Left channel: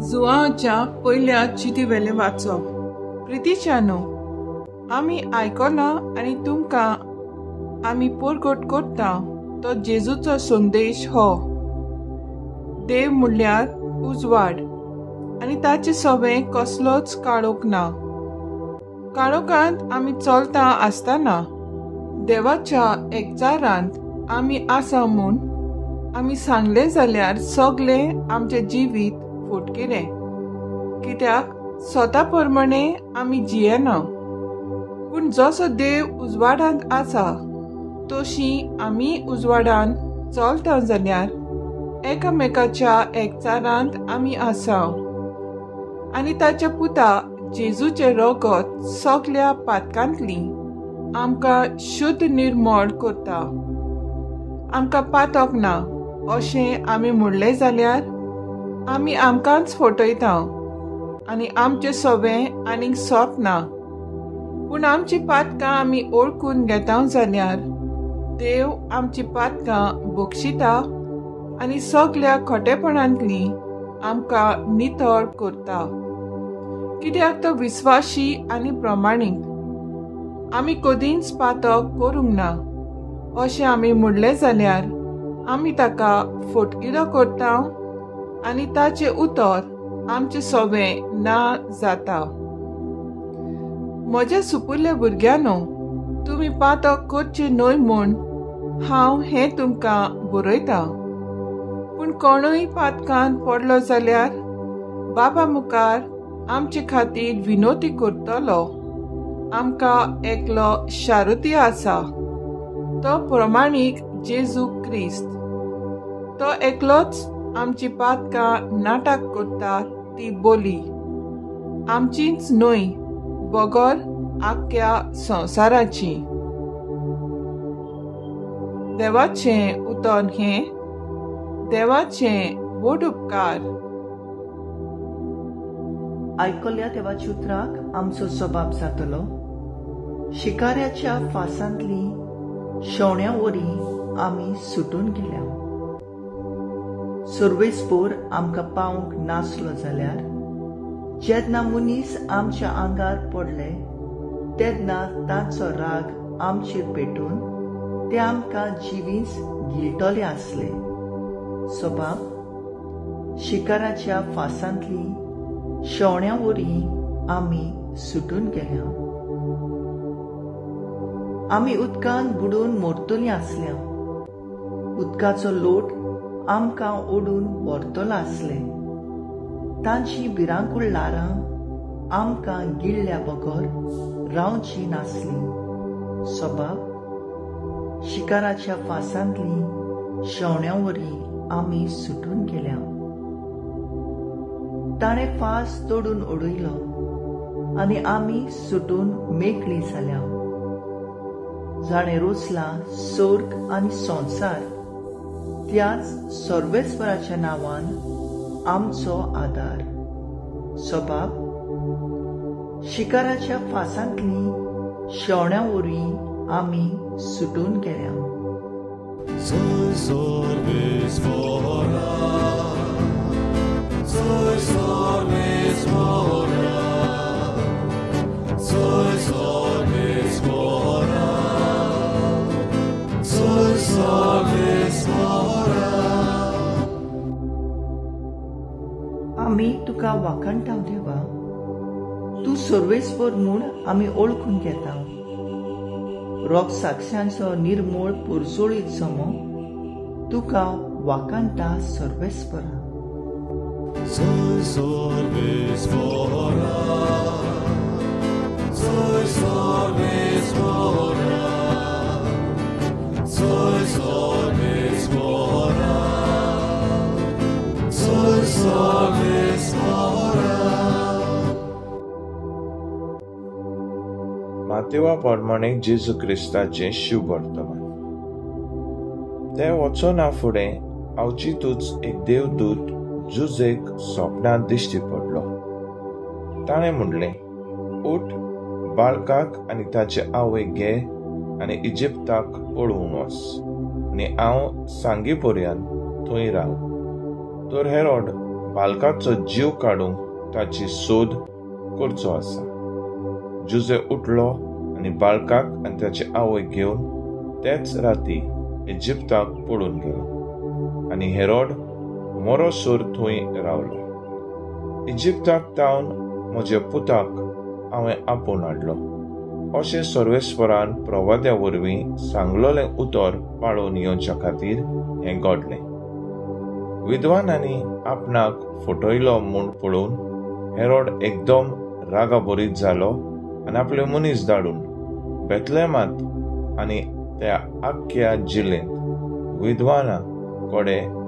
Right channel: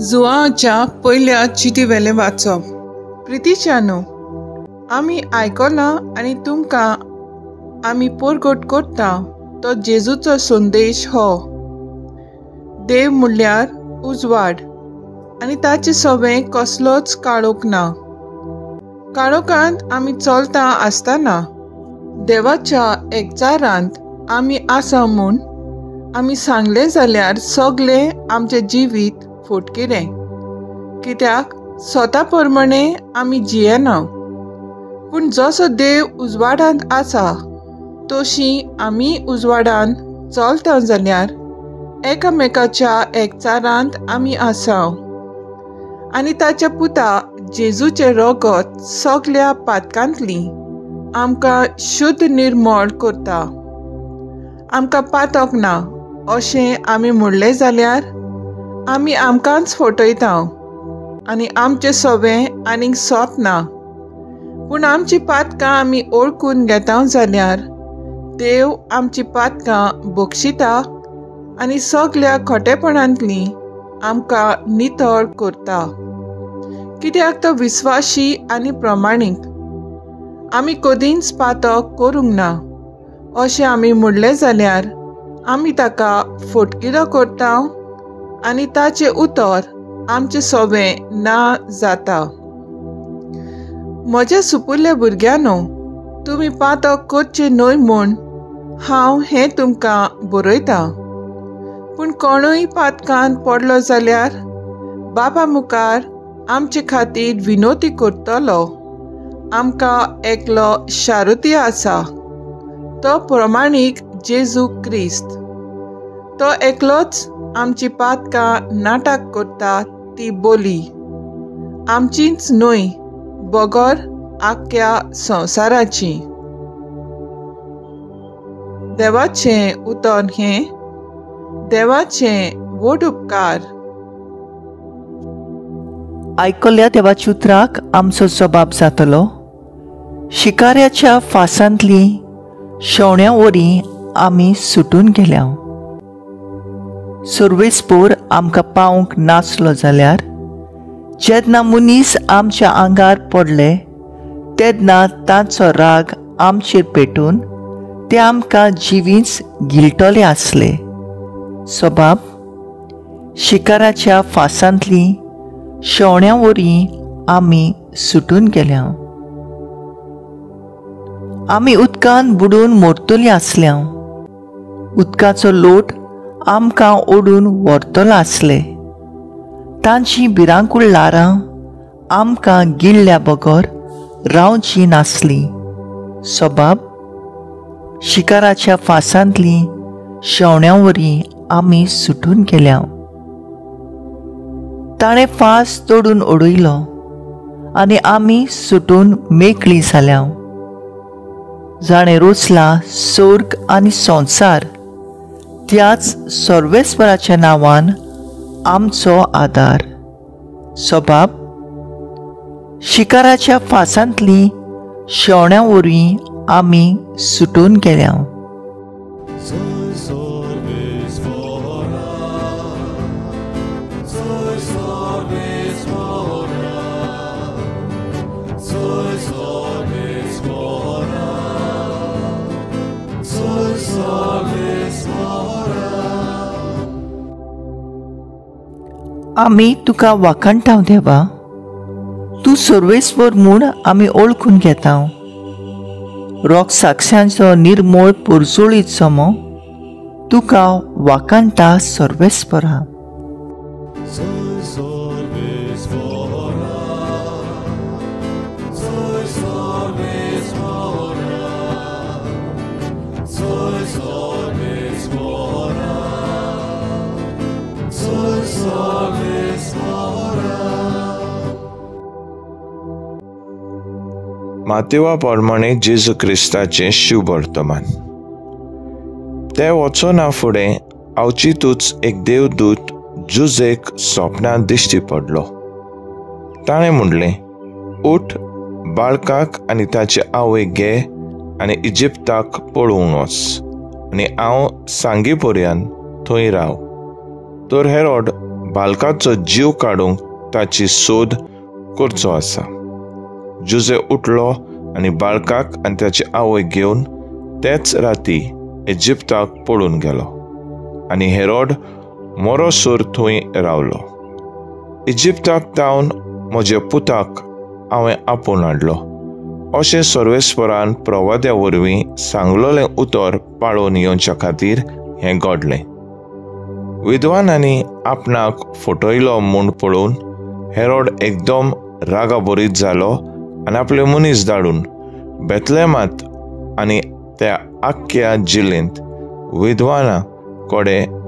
जुआच्या पयल्या चिटी वेले वाचप. प्रितीच्यानो, आमी आयकलां आनी तुमकां आमी पोरगोट करता तो जेजूचो संदेश हो. देव म्हणल्यार उजवाड आनी ताचे सोबे कसलोच काळोख ना. काळोखांत आमी चलता आसतना देवाच्या एकचारांत आमी आसा म्हूण आमी सांगले जाल्यार सगळे आमचे जिवीत फुटकिरे, कित्याक स्वता प्रमाणे आमी जियेना. पूण जसो देव उजवाडांत आसा तशी आमी उजवाडांत चलता जाल्यार एकामेकाच्या एकचारांत आमी आसा. आनी ताच्या पुता जेजूचे रगत सगळ्या पातकांतली आमकां शुद्ध निर्मळ करता. आमकां पातक ना अशें आमी म्हणलें जाल्यार आमी आमकांच फटयता आनी आमचें सोबें आनीक सोंप ना. पूण आमची पातकां आमी ओळखून घेता जाल्यार देव आमची पातकां बक्षिता आनी सगळ्या खोटेपणांतली आमकां नितळ करता. कित्याक तो विस्वाशी आनी प्रमाणीक. आमी कधीच पातक करूंक ना अशें आमी म्हणलें जाल्यार आमी ताका फटकिरो करता आनी ताचें उतर आमचें सोबें ना जाता. म्हज्या सुपुरल्या भुरग्यांनो, तुमी पातक करचें न्हय म्हूण हांव हें तुमकां बरयतां. पूण कोणूय पातकांत पडलो जाल्यार बाबा मुखार आमचे खातीर विनोती करतलो. आमकां एकलो शारुती आसा, तो प्रमाणीक जेजू क्रिस्त. तो एकलोच आमची पातकां नाटक करता ती बोली, आमचीच न्हय बगर आख्या संवसाराची. देवाचें उतर हें, देवाचें व्हड उपकार. आयकल्ल्या देवाच्या उतराक आमचो जबाब जातलो. शिकाऱ्याच्या फासांतली शेवण्या वरी आमी सुटून गेल्या. सर्वेस्पोर आमकां पावंक नासलो जाल्यार जेन्ना मनीस आमच्या आंगार पडले तेन्ना तांचो राग आमचेर पेटून ते आमकां जिवीच गिलटले आसले. सबाब, शिकाराच्या फासांतली शेवण्या वरी आमी सुटून गेल्या. आमी उदकान बुडून मरतली आसल्या. उदकाचो लोट आमकां ओडून व्हरतलो आसले. तांची भिरांकूळ लारां आमकां गिळ्ळ्या बगर रावची नासली. सबाब, शिकाराच्या फासांतली शेवण्या वरी आमी सुटून गेल्या. ताणें फास तोडून उडयलो आनी आमी सुटून मेकळी जाल्या. जाणें रोचला स्वर्ग आनी संवसार, त्याच सर्वेस्पराच्या नांवान आमचो आदार. सबाब, शिकाराच्या फासांतली शेवण्या वरी आमी सुटून गेल्या. आमी तुका वाखाणटाव देवा. तूं सर्वेस्वर म्हूण आमी ओळखून घेता. रोग साक्षांचो निर्मळ परसोळीत समो तुका वाखाणटा सर्वेस्परा. मातेवा प्रमाणे जेजू क्रिस्ताचें शुभ वर्तमान. ते वचोना फुडें आवचितूच एक देवदूत जुजेक स्वप्नांत दिश्टी पडलो. ताणें म्हणलें, उठ, बाळकाक आनी ताचे आवयक घे आनी इजिप्ताक पळोवंक वच आनी हांव सांगे पर्यंत थंय राव. तर हेरोड बालकाचो जीव काडूंक ताची सोद करचो आसा. जुजे उठलो आनी बाळकाक आनी ताची आवय घेवन तेच राती इजिप्ताक पळून गेलो आनी हेरोड मोरोसोर थंय रावलो. इजिप्ताक तावन म्हज्या पुताक हांवें आपोवन हाडलो अशें सर्वेस्परान प्रवाद्या वरवीं सांगलोलें उतर पाळोवन येवच्या खातीर हें घडलें. विद्वानांनी आपणाक फटयलो म्हूण पळोवन हेरोड एकदम रागाबरीत जालो आनी आपले मनीस धाडून बेतलेमांत आनी त्या आख्ख्या जिल्लेंत विद्वानां कडेन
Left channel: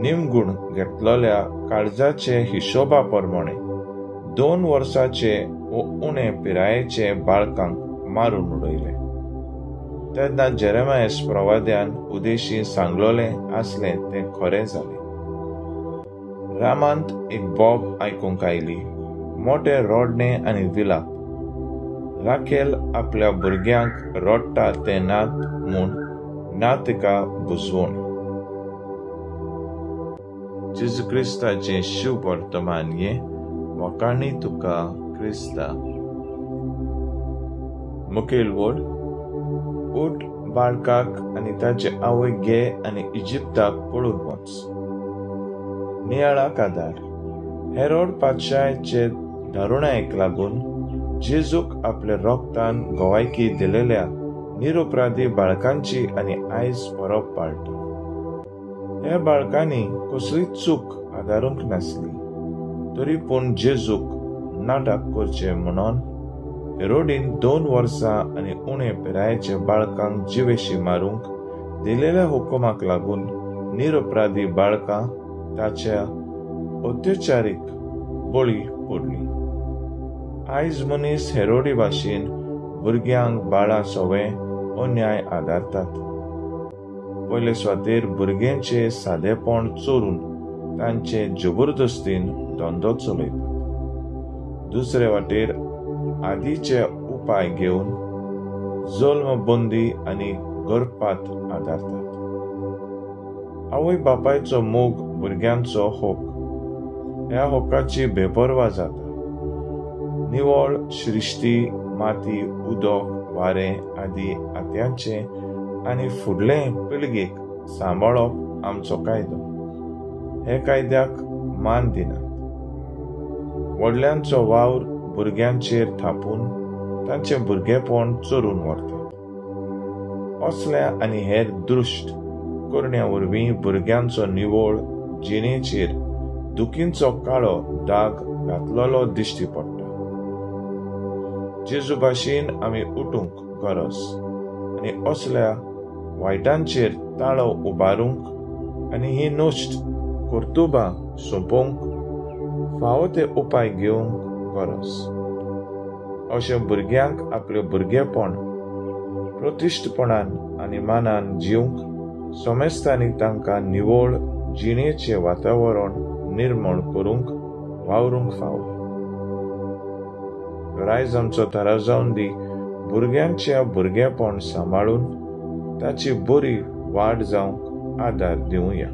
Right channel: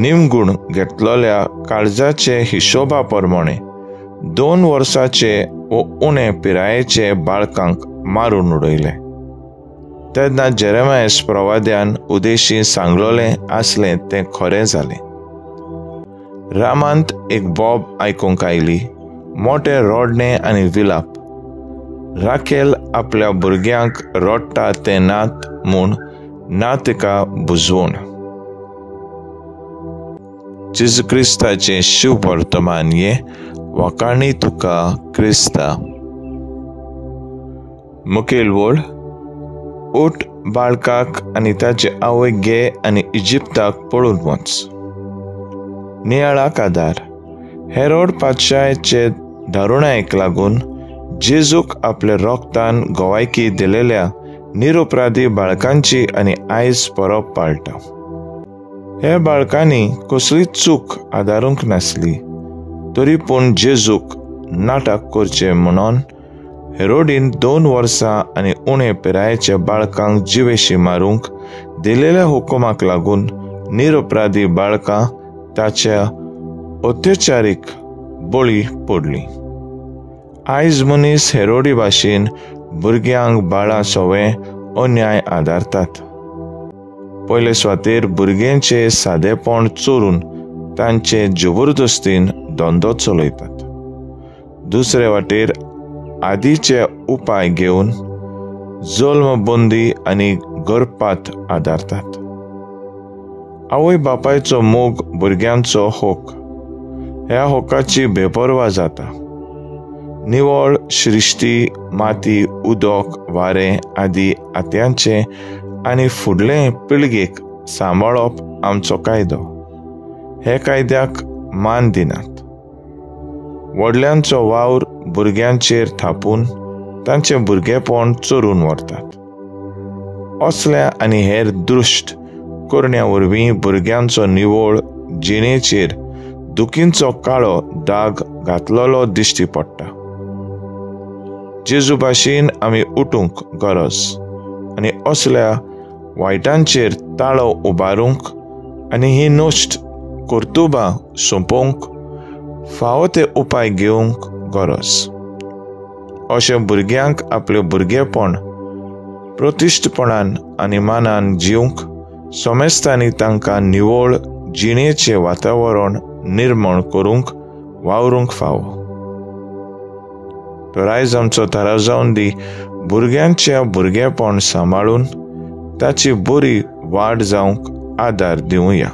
निमगूण घेतलेल्या काळजाचे हिशोबा प्रमाणे 2 वर्साचे व उणे पिरायेचे बाळकांक मारून उडयले. तेन्ना जेरेमायस प्रवाद्यान उदेशी सांगलोलें आसलें तें खरें जालें. रामांत एक बोब आयकूंक आयली, मोठे रोडणे आनी विलाप. राखेल आपल्या भुरग्यांक रडटा तें नात म्हूण ना तिका बुजवून. जेजू क्रिस्ताचें शुभ वर्तमान ये वाकाणी तुका क्रिस्ता. मुखेल वळ, उठ बाळकाक आनी ताचे आवय घे आनी इजिप्ताक पळून वच. नियाळाक आदार. हेरोड पातशायेचे दारुणायेक लागून जेजूक आपल्या रोगतान गोवायकी दिलेल्या निरपराधी बाळकांची आनी आयज परब पाळटा. हे बाळकांनी कसलीच चूक आदारूंक नासली, तरी पूण जेजूक नाटक करचे म्हणून हेरोडीन 2 वर्सां आनी उणे पिरायेच्या बाळकांक जिवेशी मारूंक दिलेल्या हुकुमाक लागून निरपराधी बाळकां ताच्या अत्याचारीक बळी पडलीं. आयज मनीस हेरोडी भाशेन भुरग्यांक बाळां सवें अन्याय आदारतात. पयले सुवातेर भुरग्यांचे सादेपण चोरून तांचे जबरदस्तीन धंदो चलयतात. दुसरे वाटेर आदींचे उपाय घेवन जल्मबंदी आनी गर्भपात आदारतात. आवय बापायचो मोग भुरग्यांचो होक, ह्या होकाची बेपरवा जाता. निवळ श्रिश्टी, माती, उदक, वारें आदी आत्यांचे आनी फुडले पिळगेक सांबाळप आमचो कायदो. हे कायद्याक मान दिनात. व्हडल्यांचो वावर भुरग्यांचेर थापून तांचें भुरगेपण चोरून व्हरतात. असल्या आनी हेर दुश्ट करण्या वरवीं भुरग्यांचो निवळ जिणेचेर दुखींचो काळो दाग घातलेलो दिश्टी पडटा. जेजू भाशेन आमी उठूंक गरज आनी असल्या वायटांचेर ताळो उबारूंक आनी ही नश्ट कर्तुबां सोंपोवंक फावो ते उपाय घेवंक गरज. अशें भुरग्यांक आपलें भुरगेपण प्रतिश्ठपणान आनी मानान जिवंक सोमेस्तांनी तांकां निवळ जिणेचें वातावरण निर्माण करूंक वावरूंक फावो. तर आयज आमचो थाराव जावन दी भुरग्यांच्या भुरगेपण सांबाळून ताची बरी वाड जावंक आदार दिवया.